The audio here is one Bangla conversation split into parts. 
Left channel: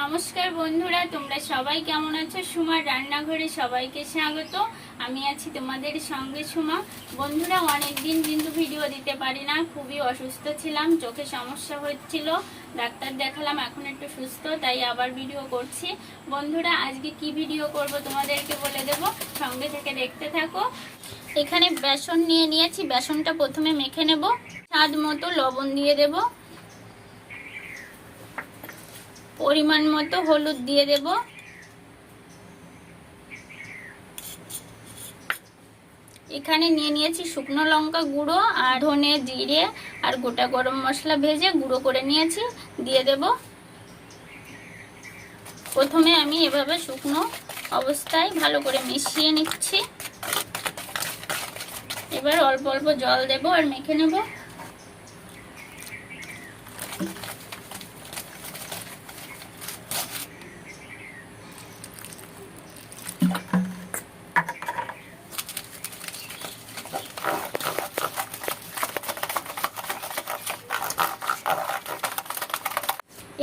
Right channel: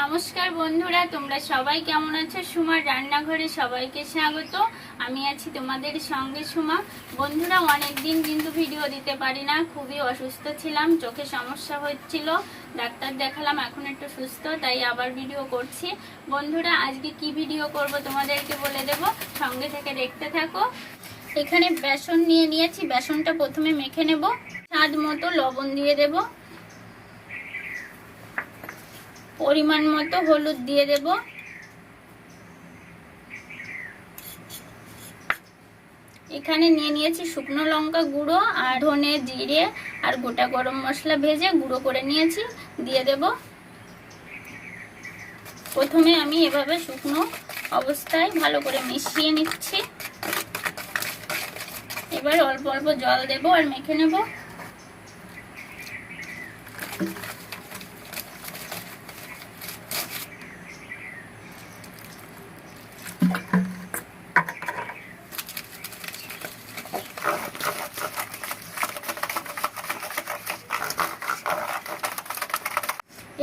নমস্কার বন্ধুরা, তোমরা সবাই কেমন আছো? সুমার রান্নাঘরে সবাইকে স্বাগত। আমি আছি তোমাদের সঙ্গে সুমা। বন্ধুরা, অনেকদিন কিন্তু ভিডিও দিতে পারি না, খুবই অসুস্থ ছিলাম, চোখে সমস্যা হচ্ছিল, ডাক্তার দেখালাম, এখন একটু সুস্থ, তাই আবার ভিডিও করছি। বন্ধুরা, আজকে কি ভিডিও করব তোমাদেরকে বলে দেব, সঙ্গে থেকে দেখতে থাকো। এখানে বেসন নিয়ে নিয়েছি, বেসনটা প্রথমে মেখে নেব। স্বাদ মতো লবণ দিয়ে দেব, পরিমাণ মতো হলুদ দিয়ে দেব, এখানে নিয়ে নিয়েছি শুকনো লঙ্কা গুঁড়ো আর ধনে জিরে আর গোটা গরম মশলা ভেজে গুঁড়ো করে নিয়েছি, দিয়ে দেব। প্রথমে আমি এভাবে শুকনো অবস্থায় ভালো করে মিশিয়ে নিচ্ছি। এবার অল্প অল্প জল দেব আর মেখে নেব।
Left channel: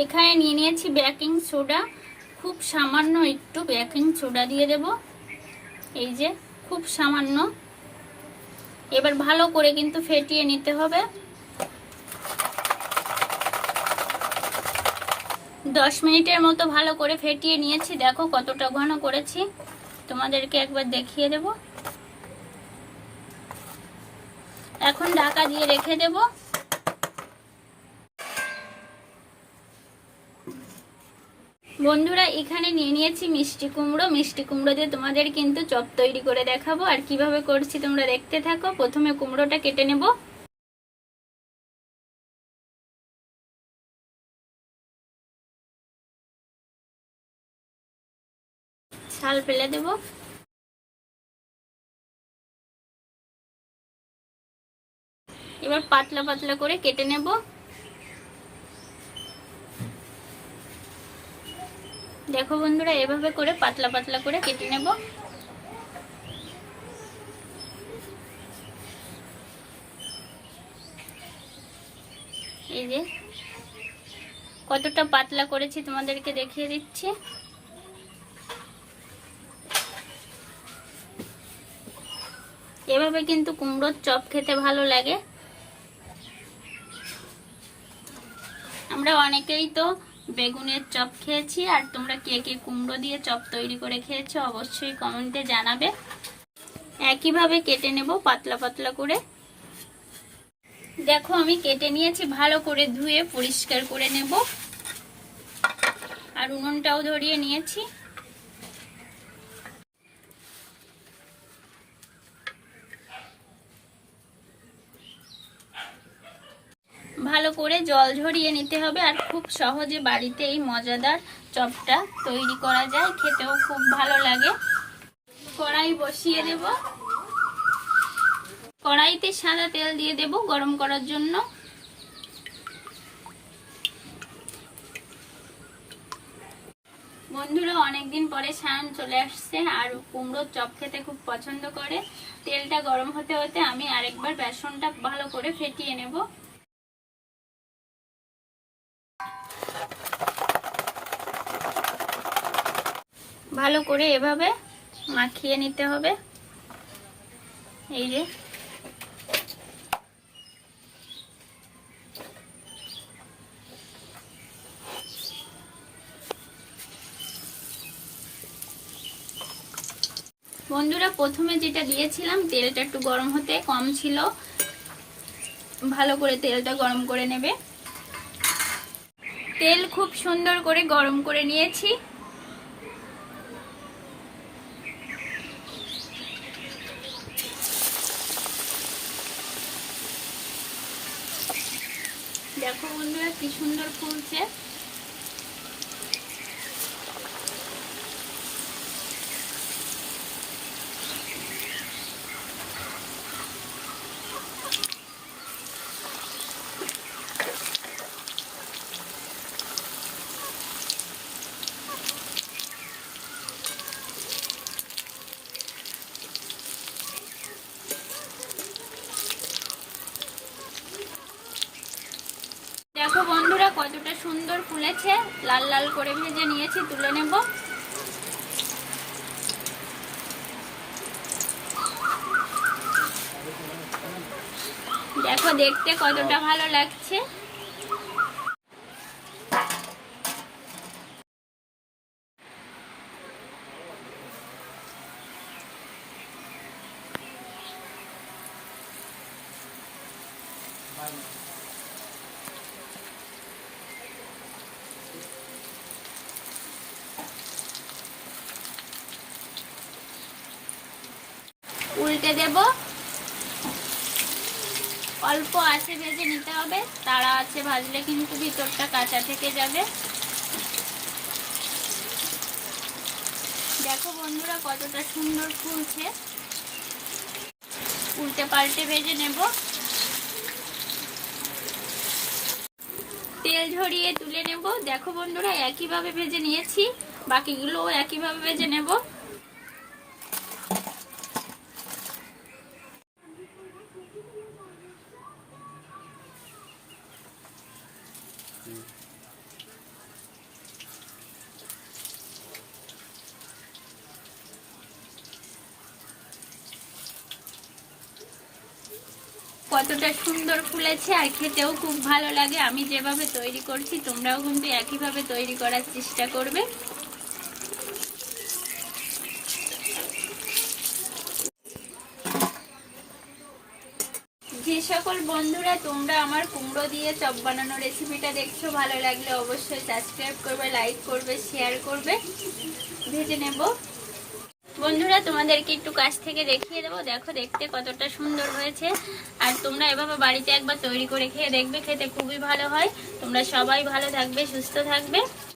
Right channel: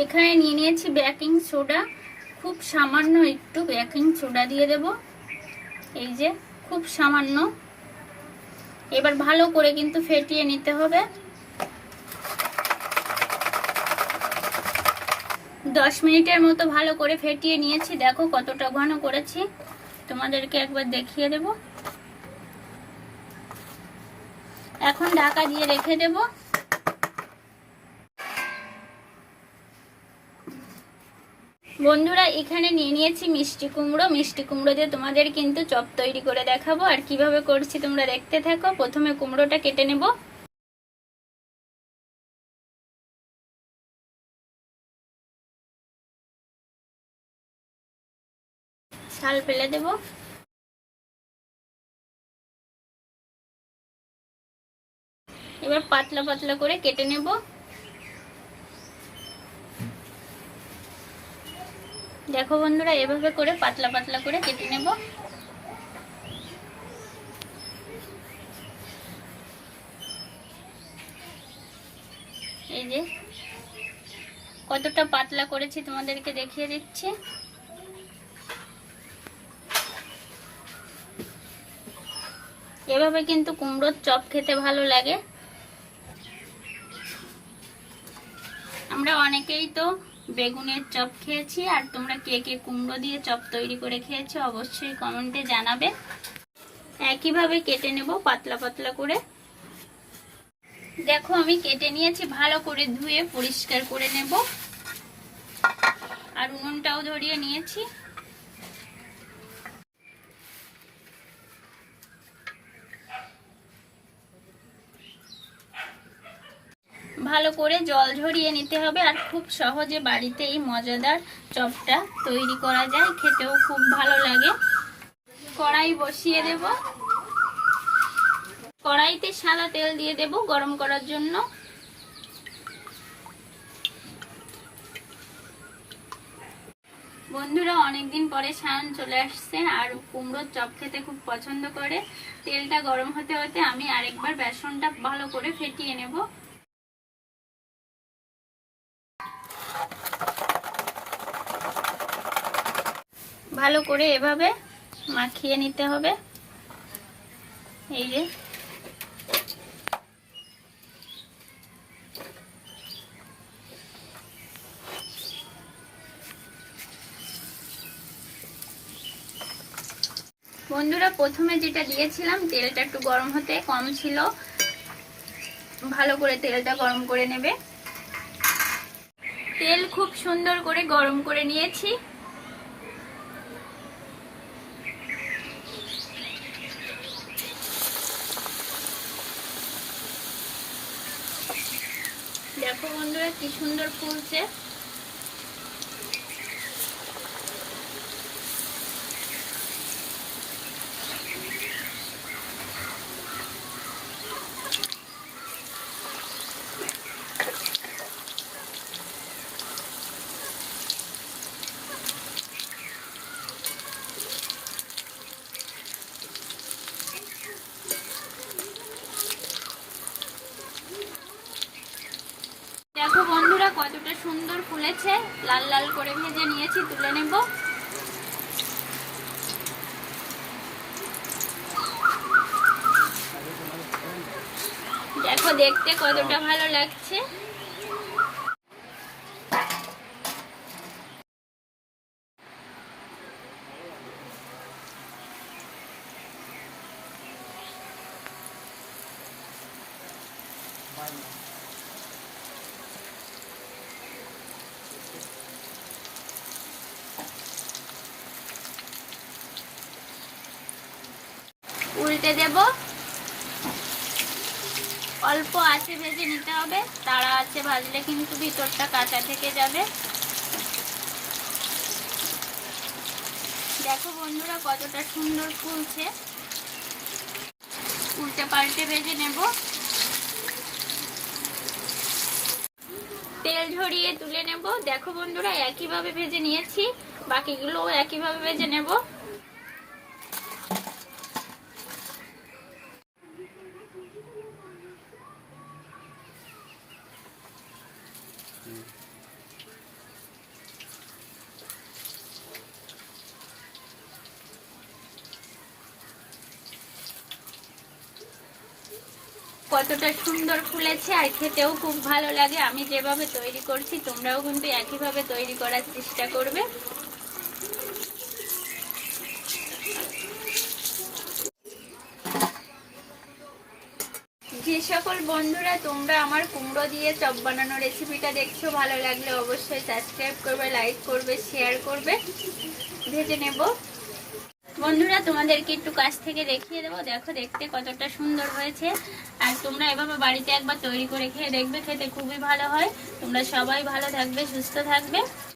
এখানে নিয়ে নিয়েছি বেকিং সোডা, খুব সামান্য একটু বেকিং সোডা দিয়ে দেব, এই যে খুব সামান্য। এবার ভালো করে কিন্তু ফেটিয়ে নিতে হবে। 10 মিনিটের মতো ভালো করে ফেটিয়ে নিয়েছি, দেখো কতটা ঘন করেছি, তোমাদেরকে একবার দেখিয়ে দেব। এখন ঢাকা দিয়ে রেখে দেব। বন্ধুরা, এখানে নিয়ে নিয়েছি মিষ্টি কুমড়ো। মিষ্টি কুমড়ো দিয়ে তোমাদের কিন্তু চপ তৈরি করে দেখাবো, আর কিভাবে করছি তোমরা দেখতে থাকো। প্রথমে কুমড়োটা কেটে নেব। ছাল ফেলে দেব। এবার পাতলা পাতলা করে কেটে নেব। দেখো বন্ধুরা, এভাবে করে পাতলা পাতলা করে কেটে নেব। এই যে কতটা পাতলা করেছি তোমাদেরকে দেখিয়ে দিচ্ছি। এভাবে কিন্তু কুমড়োর চপ খেতে ভালো লাগে। আমরা অনেকেই তো বেগুনের চপ খেয়েছি, আর তোমরা কে কে কুমড়ো দিয়ে চপ তৈরি করে খেয়েছো অবশ্যই কমেন্টে জানাবে। একইভাবে কেটে নেব পাতলা পাতলা করে। দেখো আমি কেটে নিয়েছি, ভালো করে ধুয়ে পরিষ্কার করে নেব, আর উনুনটাও ধরিয়ে নিয়েছি। ভালো করে জল ঝরিয়ে নিতে হবে, আর খুব সহজে বাড়িতে এই মজাদার চপটা তৈরি করা যায়, খেতেও খুব ভালো লাগে। কড়াই বসিয়ে দেব। কড়াইতে সাদা তেল দিয়ে দেব গরম করার জন্য। বন্ধুরা, অনেকদিন পরে সায়ন চলে আসছে, আর কুমড়োর চপ খেতে খুব পছন্দ করে। তেলটা গরম হতে হতে আমি আরেকবার বেসনটা ভালো করে ফেটিয়ে নেব। ভালো করে এভাবে মাখিয়ে নিতে হবে। এই যে বন্ধুরা, প্রথমে যেটা দিয়েছিলাম তেলটা একটু গরম হতে কম ছিল, ভালো করে তেলটা গরম করে নেবে। তেল খুব সুন্দর করে গরম করে নিয়েছি। দেখো বন্ধুরা, কি সুন্দর ফুলছে। দেখো বন্ধুরা কতটা সুন্দর ফুলেছে, লাল লাল করে ভেজে নিয়েছি, তুলে নেব। দেখো দেখতে কতটা ভালো লাগছে। উল্টে দেব। অল্প আছে ভেজে নিতে হবে, তাড়া আছে ভাজলে কিন্তু ভিতরটা কাঁচা থেকে যাবে। দেখো বন্ধুরা কতটা সুন্দর ফুলছে। উল্টে পাল্টে ভেজে নেব। তেল ঝরিয়ে তুলে নেব। দেখো বন্ধুরা একইভাবে ভেজে নিয়েছি, বাকিগুলোও একইভাবে ভেজে নেব। কতটা সুন্দর ফুলেছে আর খেতেও খুব ভালো লাগে। আমি যেভাবে তৈরি করছি তোমরাও কিন্তু একইভাবে তৈরি করার চেষ্টা করবে। যে সকল বন্ধুরা তোমরা আমার কুমড়ো দিয়ে চপ বানানো রেসিপিটা দেখছো, ভালো লাগলে অবশ্যই সাবস্ক্রাইব করবে, লাইক করবে, শেয়ার করবে। ভেজে নেব বন্ধুরা, তোমাদেরকে একটু কাছ থেকে দেখিয়ে দেবো। দেখো দেখতে কতটা সুন্দর হয়েছে। আর তোমরা এভাবে বাড়িতে একবার তৈরি করে খেয়ে দেখবে, খেতে খুবই ভালো হয়। তোমরা সবাই ভালো থাকবে, সুস্থ থাকবে।